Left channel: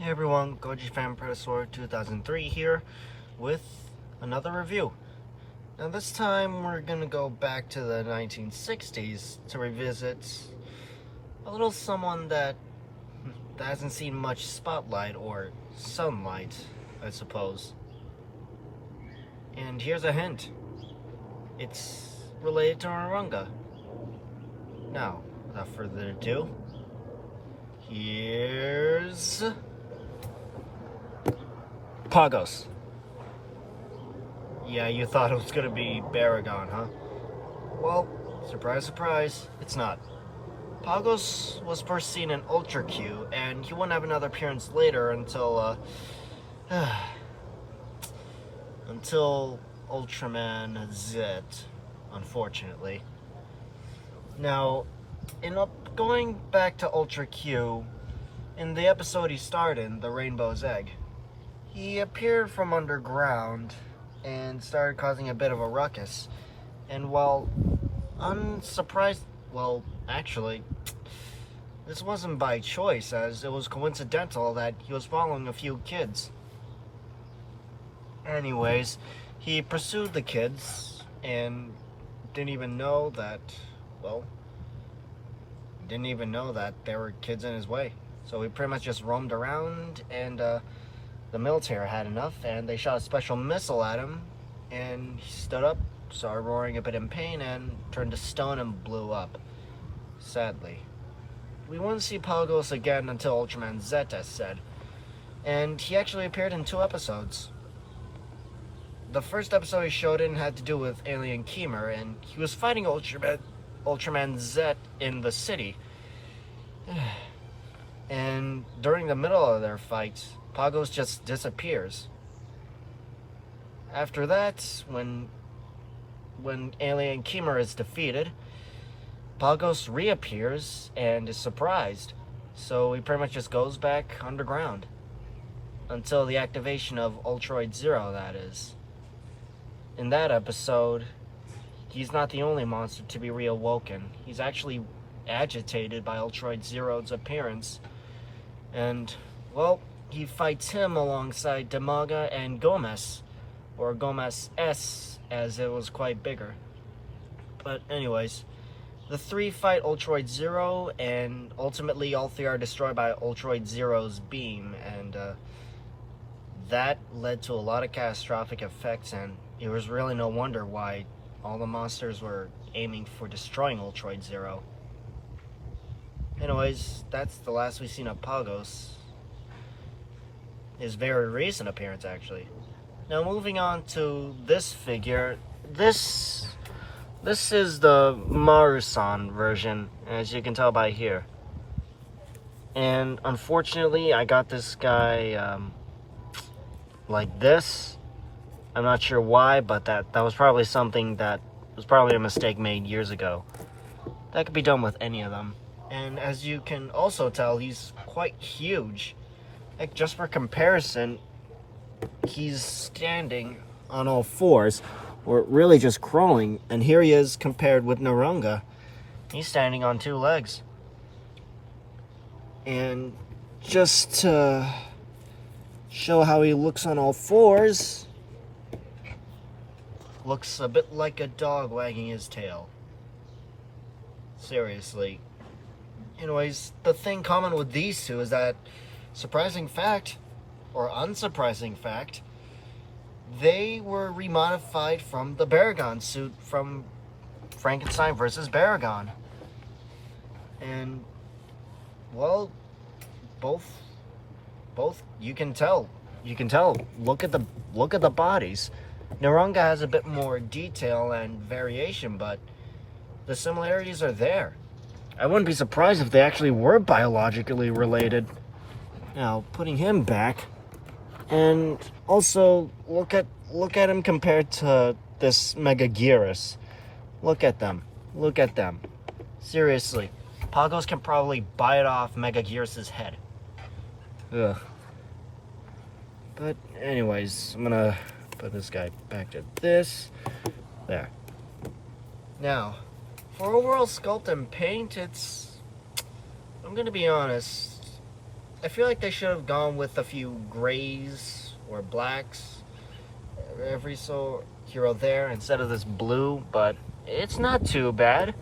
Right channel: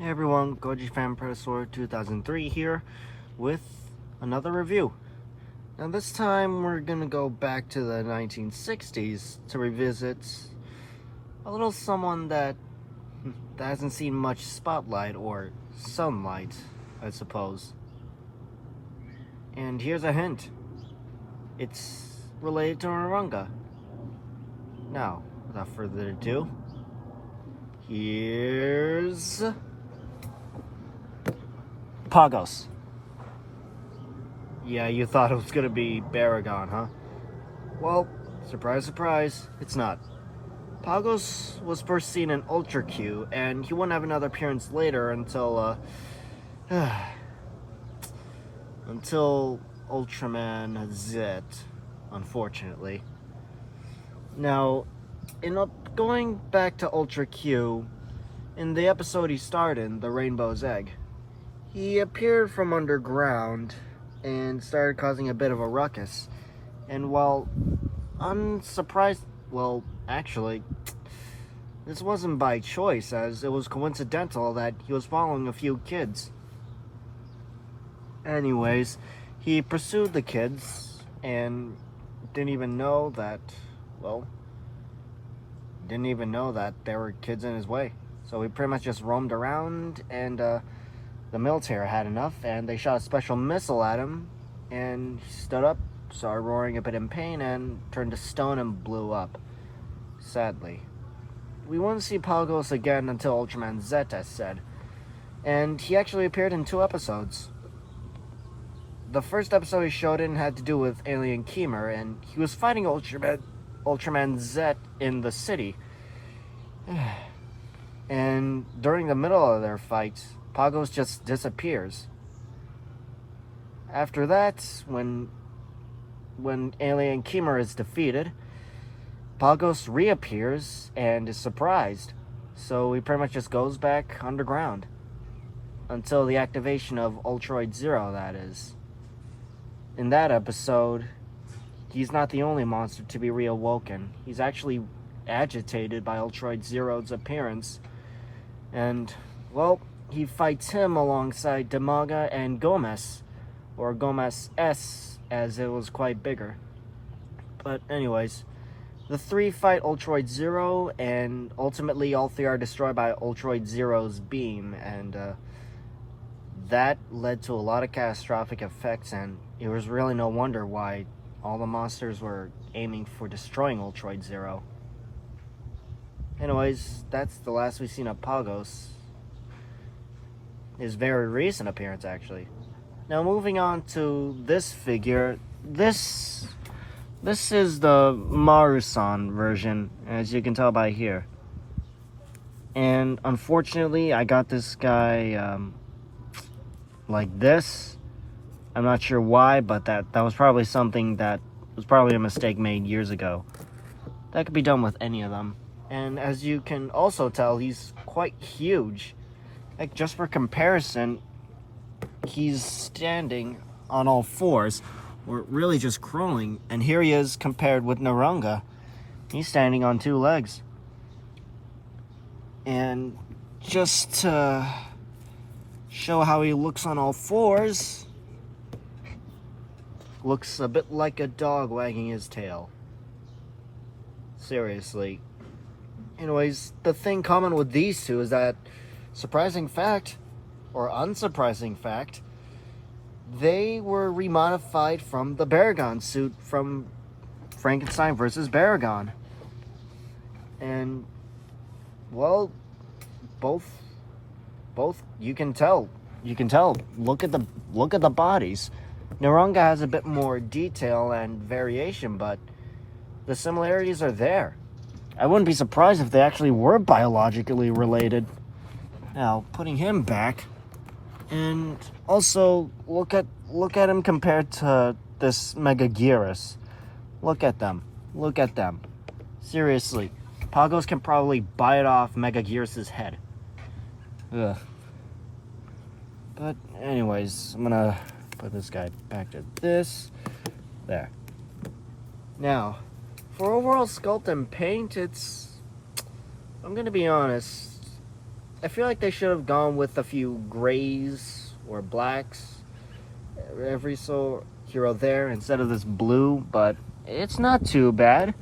Hey everyone, Goji Fan Predator 2003 here with another review. Now this time we're gonna go back to the 1960s to revisit a little someone that hasn't seen much spotlight or sunlight, I suppose. And here's a hint. It's related to Naranga. Now, without further ado, here's Pagos. Yeah, you thought it was gonna be Baragon, huh? Well, surprise, surprise, it's not. Pagos was first seen in Ultra Q, and he wouldn't have another appearance later until Ultraman Z, unfortunately. Now, going back to Ultra Q, in the episode he starred in, The Rainbow's Egg, he appeared from underground and started causing a bit of a ruckus. And while unsurprised, well, actually, this wasn't by choice, as it was coincidental that he was following a few kids. Anyways, he pursued the kids and didn't even know that there were kids in his way. So he pretty much just roamed around, and the military had enough, and they shot a special missile at him, and he stood up, started roaring a bit in pain, and turned to stone and blew up, sadly. We wouldn't see Pagos again until Ultraman Z, as said, and he actually appeared in 2 episodes. The first episode he showed in had to do with Alien Keemer, and he was fighting Ultraman Z in the city. And during the middle of their fight, Pagos just disappears. After that, when Alien Keemer is defeated, Pagos reappears and is surprised. So he pretty much just goes back underground. Until the activation of Ultroid Zero, that is. In that episode, he's not the only monster to be reawoken. He's actually agitated by Ultroid Zero's appearance. And, well, he fights him alongside Demaga and Gomez, or Gomez S, as it was quite bigger. But anyways, the 3 fight Ultroid Zero, and ultimately all 3 are destroyed by Ultroid Zero's beam, and that led to a lot of catastrophic effects, and it was really no wonder why all the monsters were aiming for destroying Ultroid Zero. Anyways, that's the last we've seen of Pagos. His very recent appearance, actually. Now, moving on to this figure. This is the Marusan version, as you can tell by here. And unfortunately, I got this guy like this. I'm not sure why, but that was probably something that was probably a mistake made years ago. That could be done with any of them. And as you can also tell, he's quite huge. Like, just for comparison, he's standing on all 4s, or really just crawling, and here he is compared with Naranga. He's standing on 2 legs. And just to show how he looks on all 4s, looks a bit like a dog wagging his tail. Seriously. Anyways, the thing common with these 2 is that, surprising fact, or unsurprising fact, they were remodified from the Baragon suit from Frankenstein vs. Baragon. And, well, both you can tell. Look at the bodies. Naranga has a bit more detail and variation, but the similarities are there. I wouldn't be surprised if they actually were biologically related. Now, putting him back, and also look at him compared to this Megaguirus. Look at them. Seriously, Pagos can probably bite off Megaguirus' head. Ugh. But anyways, I'm gonna put this guy back to this. There. Now, for overall sculpt and paint, I'm gonna be honest, I feel like they should have gone with a few grays or blacks every so here or there instead of this blue, but it's not too bad.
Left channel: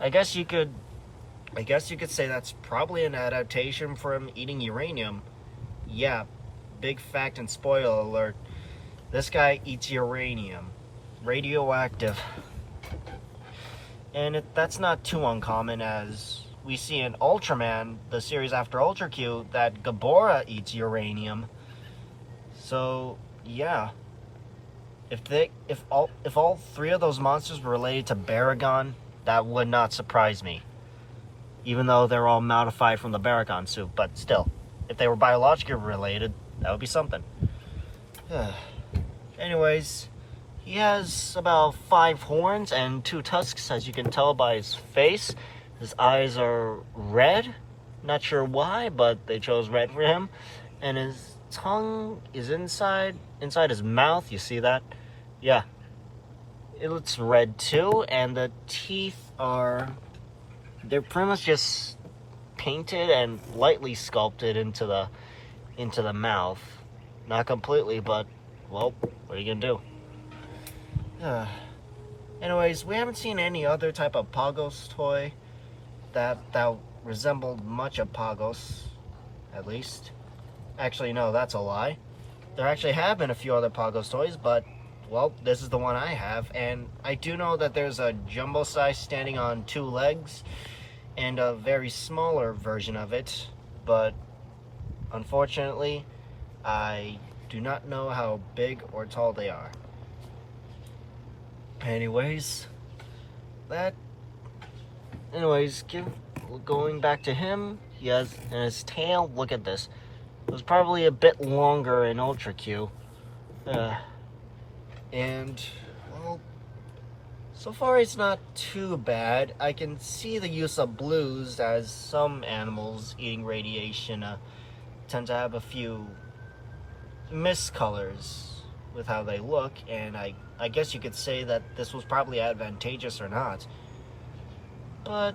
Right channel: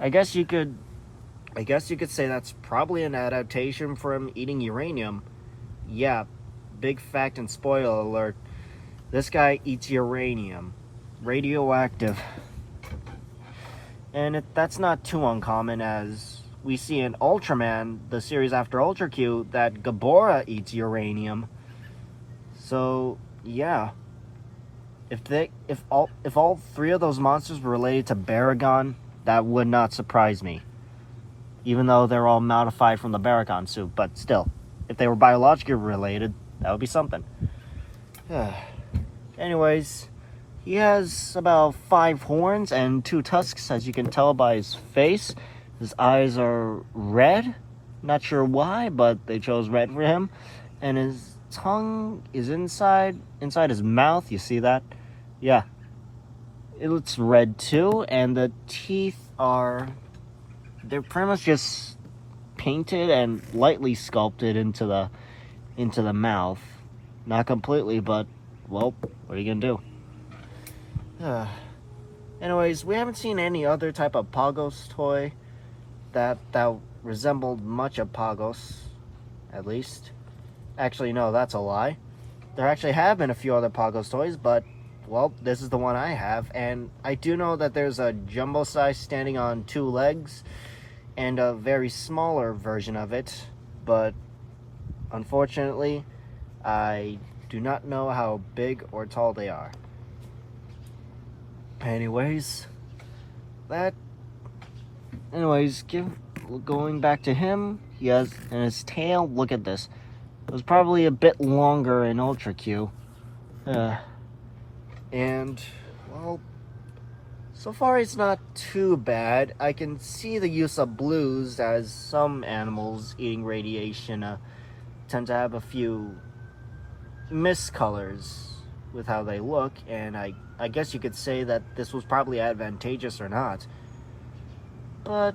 I guess you could say that's probably an adaptation from eating uranium. Yeah, big fact and spoiler alert. This guy eats uranium. Radioactive. And that's not too uncommon, as we see in Ultraman, the series after Ultra Q, that Gabora eats uranium. So, yeah. If all three of those monsters were related to Baragon, that would not surprise me. Even though they're all modified from the Baragon suit, but still, if they were biologically related, that would be something. Anyways, he has about 5 horns and 2 tusks, as you can tell by his face. His eyes are red. Not sure why, but they chose red for him. And his tongue is inside his mouth. You see that? Yeah. It's red too, and the teeth they're pretty much just painted and lightly sculpted into the mouth. Not completely, but well, what are you gonna do? Anyways, we haven't seen any other type of Pagos toy that resembled much of Pagos, at least. Actually, no, that's a lie. There actually have been a few other Pagos toys, but well, this is the one I have, and I do know that there's a jumbo size standing on 2 legs and a very smaller version of it, but unfortunately, I do not know how big or tall they are. Anyways, going back to him, he has, and his tail, look at this. It was probably a bit longer in Ultra Q. And, well, so far it's not too bad. I can see the use of blues, as some animals eating radiation tend to have a few miscolors with how they look, and I guess you could say that this was probably advantageous or not. But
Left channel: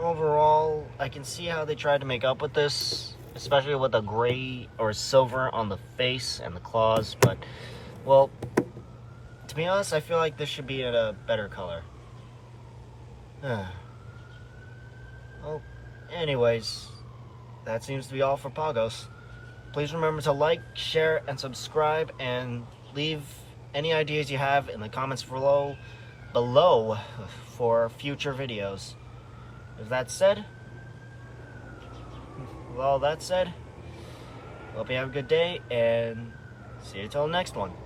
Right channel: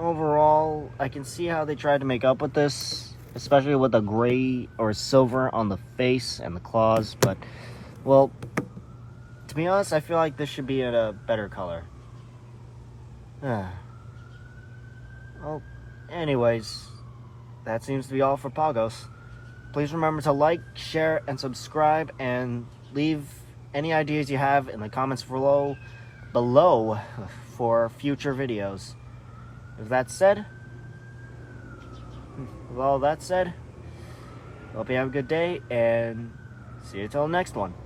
overall, I can see how they tried to make up with this, especially with the gray or silver on the face and the claws, but, well, to be honest, I feel like this should be in a better color. Well, anyways, that seems to be all for Pagos. Please remember to like, share, and subscribe, and leave any ideas you have in the comments below for future videos. With all that said, hope you have a good day, and see you till the next one.